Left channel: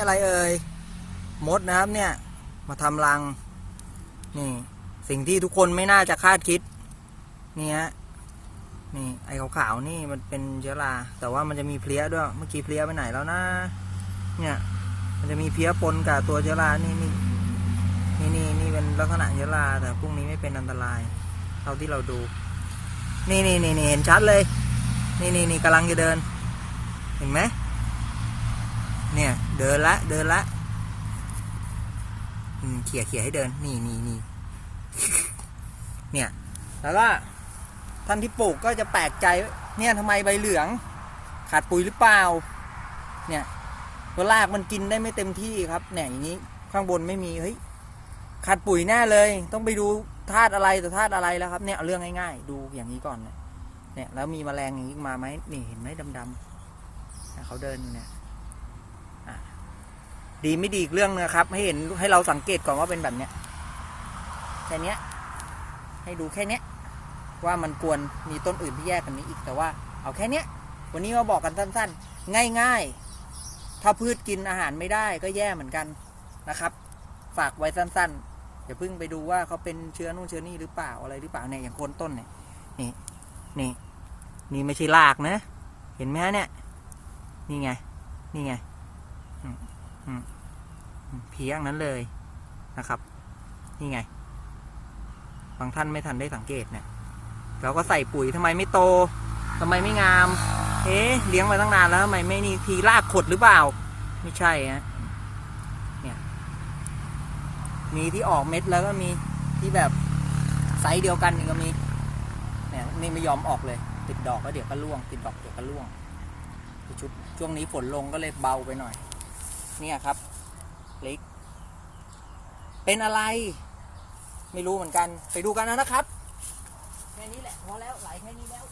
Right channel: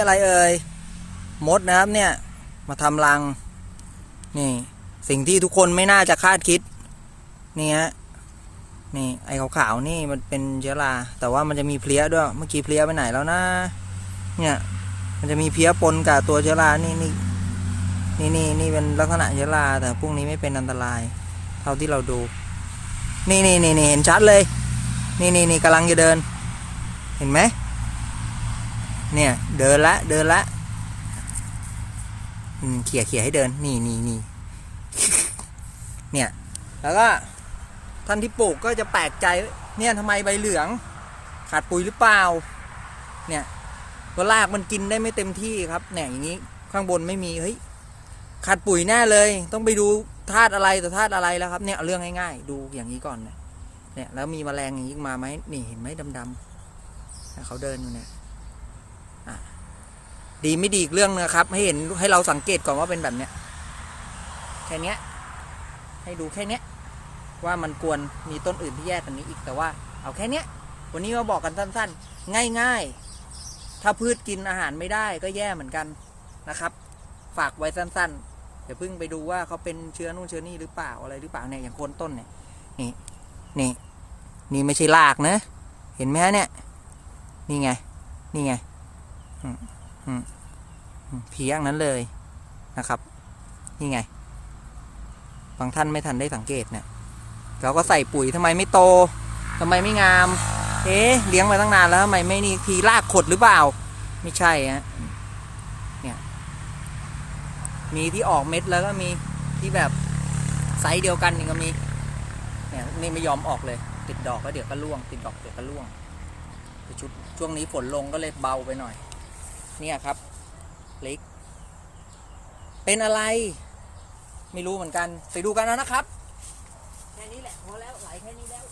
อะไรเอ่ยมดนะครับเนี่ยมาทำรัง นี่ สิ่งที่ทุกคนไม่น่าจะคาดคิด นี่ฮะนี่ไอ้ขาวๆนี่มันเป็นเชื้อราแต่ว่ามันจะมีเพลี้ยด้วย เมื่อกี้เพลี้ยไปไหนแล้วนะ เนี่ย มันจะมีเพลี้ยปนกับตัวเชื้อรานี่นี่นี่นี่นี่เป็นลักษณะเชื้อราแต่พวกนี้ไม่เป็นอันตราย เท่าที่เราดู นี่นี่นี่นี่เห็นชัดเลย นี่นี่นี่กำลังจะเดิน เห็นไหม เนี่ย เดินละ เดินละอืมเขี่ยเขี่ยให้เดิน นี่นี่นี่เนี่ย แล้วก็ท่านที่ปลูกก็จะแปลกใจ เนี่ยทำไมใบเหลือง ขาดปุ๋ยหรือเปล่า เนี่ยตัวรากมันกินได้ไม่เต็มที่ครับ เนี่ยอย่างนี้ข้างบนไม่มี เฮ้ย ขาดปุ๋ยแน่เลย ต้องไปดูธาตุอะไรต่อธาตุอะไรแล้วครับ เนี่ยเรื่องง่ายๆ ดูอย่างนี้ก่อนเนี่ย แล้วมีแมลงอย่างนี้มาไหมนี่เห็นไหมดำๆเนี่ยเขาเดินอยู่เนี่ย ดีไม่ดีอีกเรื่องนะครับ ให้เห็นให้เราสังเกตก่อนว่าเป็นแบบเนี้ยแค่เนี้ยให้ดูแค่เนี้ยว่ามันควรมีต้นอื่นที่แยกกันนี้อีกแต่ว่า เอาแค่เนี้ยวันนี้มาบอกกันสั้นๆ ง่ายๆ ถ้าพืชกินอาหารไม่ได้ก็แย่เหมือนกันนะครับ ฝากไว้สั้นๆ เดี๋ยวเพิ่งไปดูว่าเขาเป็นเชื้อนู่นเชื้อนี่หรือเปล่าอะไรหรือเปล่าเนี่ยอย่างโคนต้นเนี่ยนี่นี่นี่ไม่ใช่รากนะ เห็นไหมฮะเนี่ย นี่ไง นี่ไง เพียงนั้นเลยนะครับ นี่ไง บางท่านไม่ทันได้สังเกตเนี่ย เราก็ใส่ปุ๋ยทำไมไม่โตทำไมไม่งาม เอ๊ะเลี้ยงมาตั้งนานแล้วทำไมไม่นี่ทีรากขดหรือเปล่า ไม่ใช่ฮะเนี่ยมีที่ออกเม็ดแล้วก็มีที่แบบไซส์เดียวกันนี่ก็มีเนี่ยนี่ไม่ยอมออกเลย ติดดอกแล้วเดี๋ยวก็ร่วง ติดดอกเดี๋ยวก็ร่วงชุดช่วงนี้ฝนลงก็เลยเบาไปหน่อย เนี่ยครับเล็ก เป็นอะไร ไม่รู้เหมือนกัน ไปดูกันนะนะครับ แค่นี้แหละพอแล้วไหลแค่นี้แล้ว